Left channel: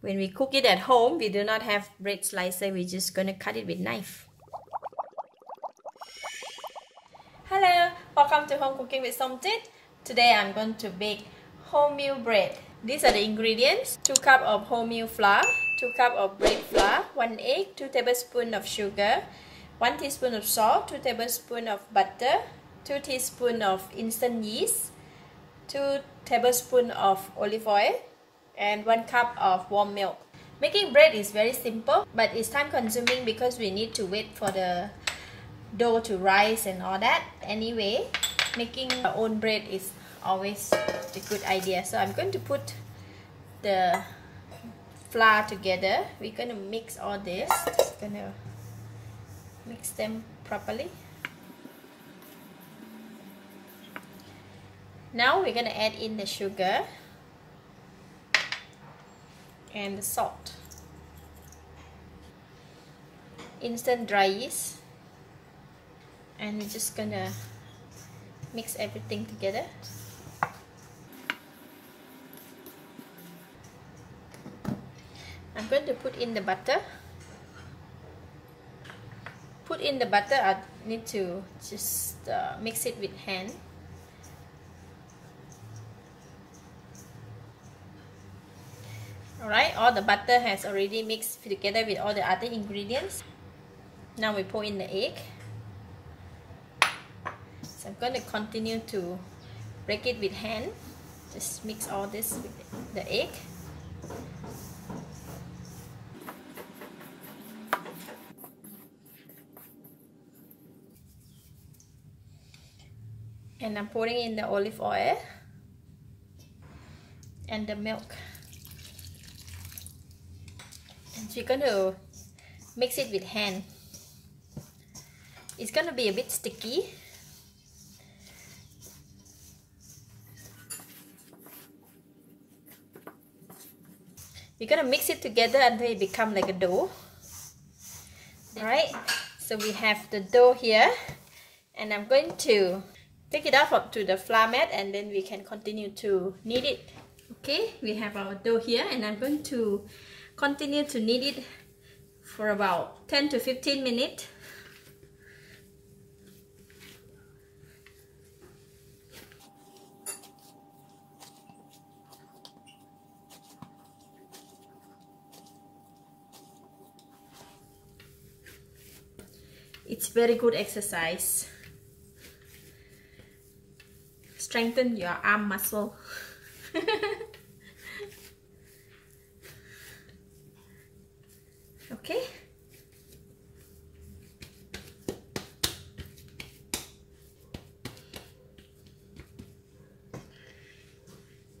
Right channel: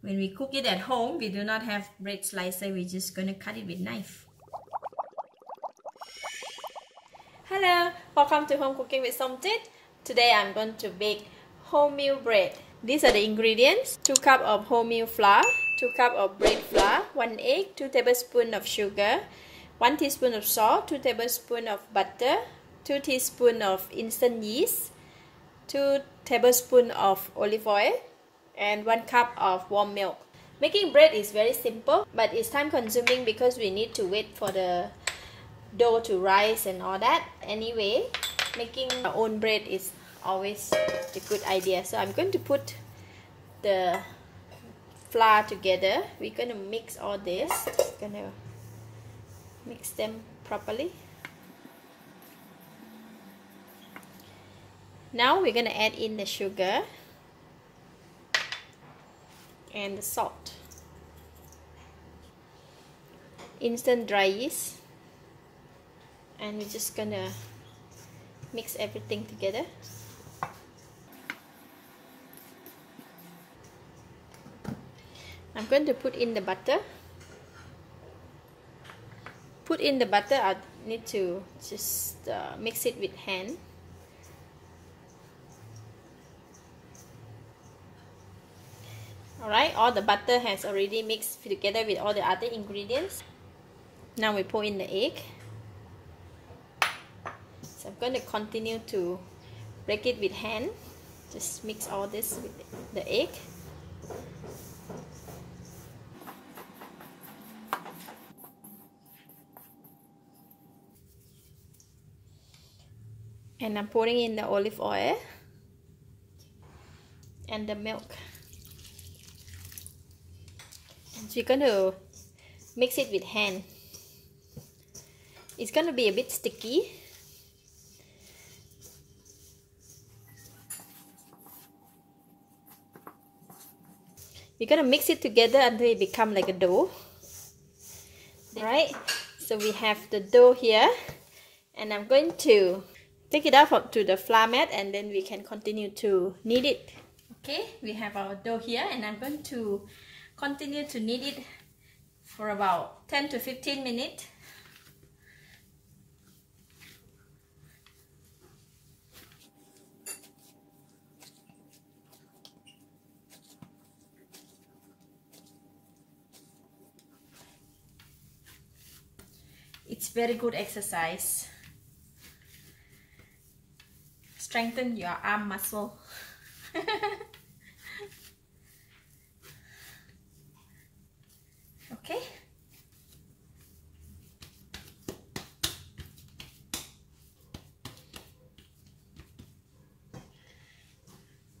When we cook it at home, we do not have bread slicer. We're just gonna cut it with knife. Hello, welcome to Home Cooking with Somjit. Today I'm going to bake wholemeal bread. These are the ingredients: 2 cups of wholemeal flour, 2 cups of bread flour, 1 egg, 2 tablespoons of sugar, 1 teaspoon of salt, 2 tablespoons of butter, 2 teaspoons of instant yeast, 2 tablespoons of olive oil, and 1 cup of warm milk. Making bread is very simple, but it's time consuming because we need to wait for the dough to rise and all that. Anyway, making our own bread is always a good idea. So I'm going to put the flour together. We're going to mix all this. Just going to mix them properly. Now we're going to add in the sugar and the salt, instant dry yeast, and we're just gonna mix everything together. I'm going to put in the butter. Put in the butter. I need to just mix it with hand. Alright, all the butter has already mixed together with all the other ingredients. Now we pour in the egg. So I'm going to continue to break it with hand. Just mix all this with the egg. And I'm pouring in the olive oil and the milk. And you're going to mix it with hand. It's going to be a bit sticky. We're going to mix it together until it becomes like a dough. Alright, so we have the dough here. And I'm going to take it out to the flour mat, and then we can continue to knead it. Okay, we have our dough here, and I'm going to continue to knead it for about 10 to 15 minutes. It's very good exercise. Strengthen your arm muscle. Okay.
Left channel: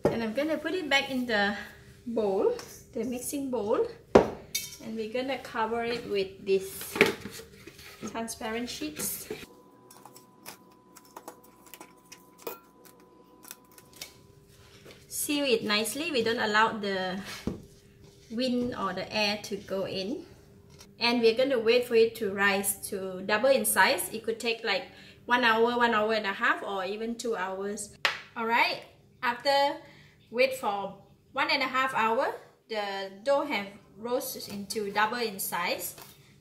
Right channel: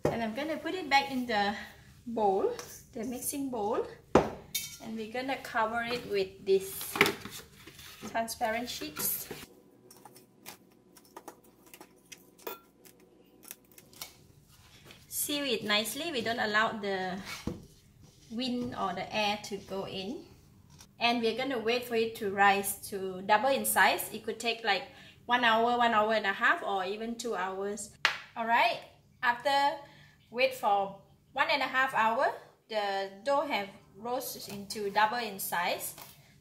And I'm gonna put it back in the bowl, the mixing bowl, and we're gonna cover it with this transparent sheets. Seal it nicely. We don't allow the wind or the air to go in. And we're going to wait for it to rise to double in size. It could take like 1 hour, 1 hour and a half, or even 2 hours. Alright, after wait for 1.5 hours, the dough have rose into double in size.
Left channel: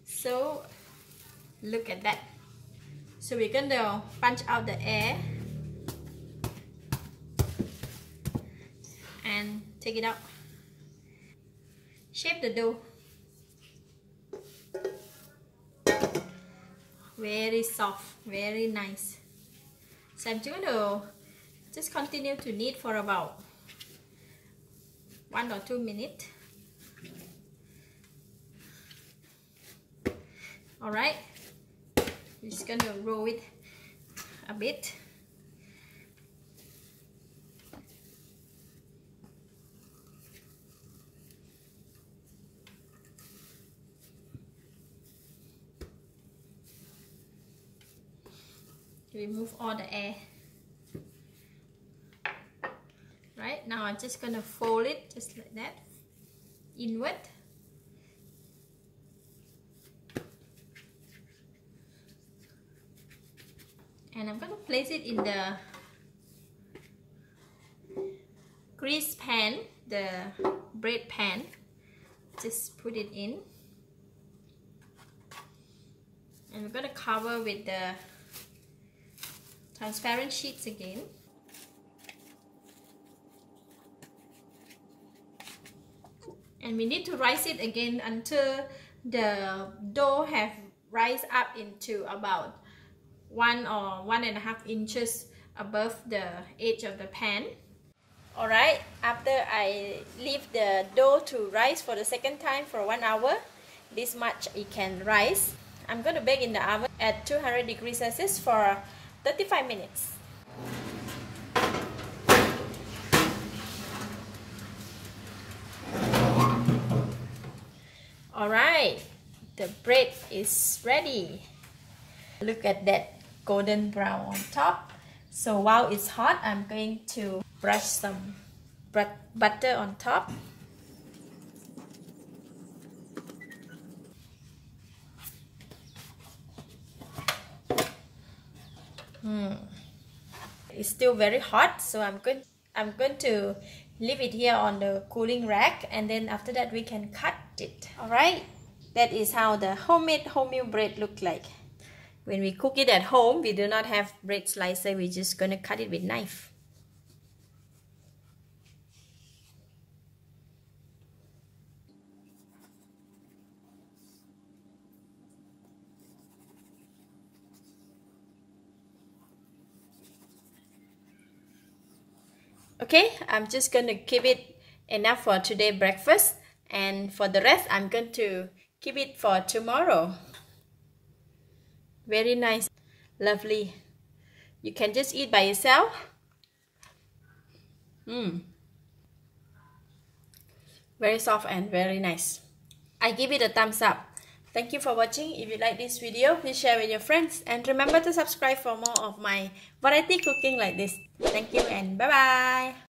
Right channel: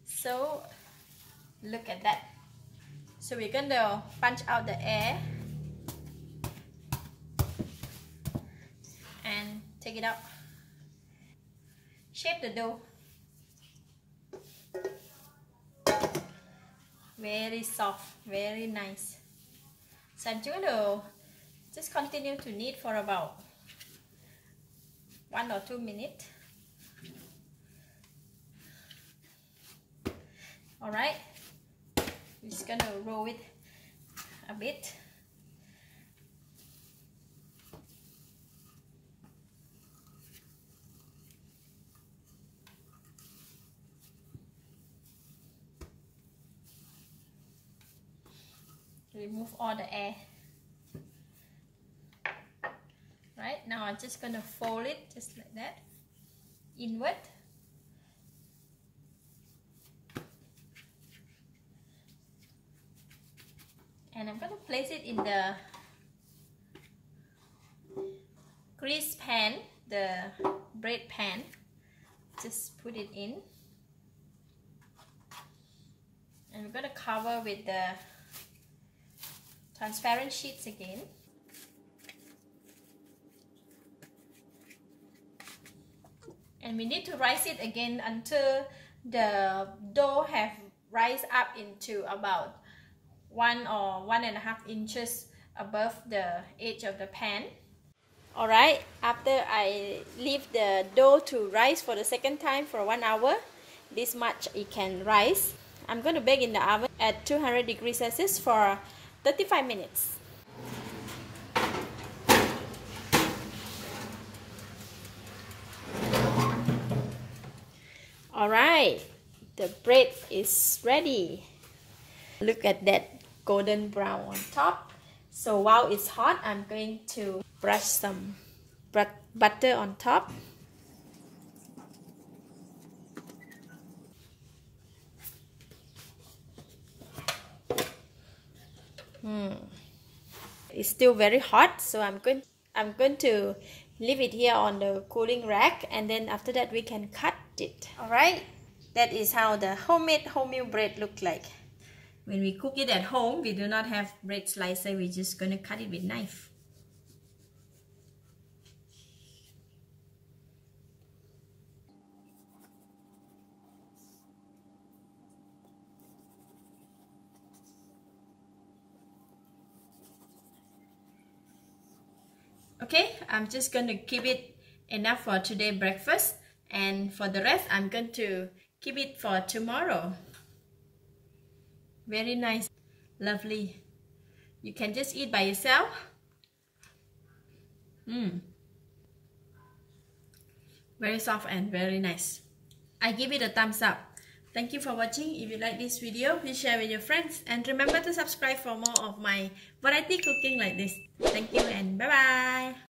So look at that. So we're going to punch out the air and take it out. Shape the dough. Very soft, very nice. So I'm going to just continue to knead for about 1 or 2 minutes. Alright, we're just going to roll it a bit. Remove all the air. Right, now I'm just gonna fold it just like that, inward. And I'm gonna place it in the grease pan, the bread pan. Just put it in. And we're going to cover with the transparent sheets again. And we need to rise it again until the dough have rise up into about 1 or 1.5 inches above the edge of the pan. Alright, after I leave the dough to rise for the second time for 1 hour, this much it can rise. I'm going to bake in the oven at 200 degrees Celsius for 35 minutes. Alright, the bread is ready. Look at that golden brown on top. So while it's hot, I'm going to brush some butter on top. It's still very hot, so I'm going to leave it here on the cooling rack, and then after that we can cut it. Alright, that is how the homemade wholemeal bread look like. When we cook it at home, we do not have bread slicer, we're just gonna cut it with knife. Okay, I'm just going to keep it enough for today breakfast, and for the rest I'm going to keep it for tomorrow. Very nice, lovely. You can just eat by yourself. Very soft and very nice. I give it a thumbs up. Thank you for watching. If you like this video, please share with your friends, and remember to subscribe for more of my variety cooking like this. Thank you and bye bye.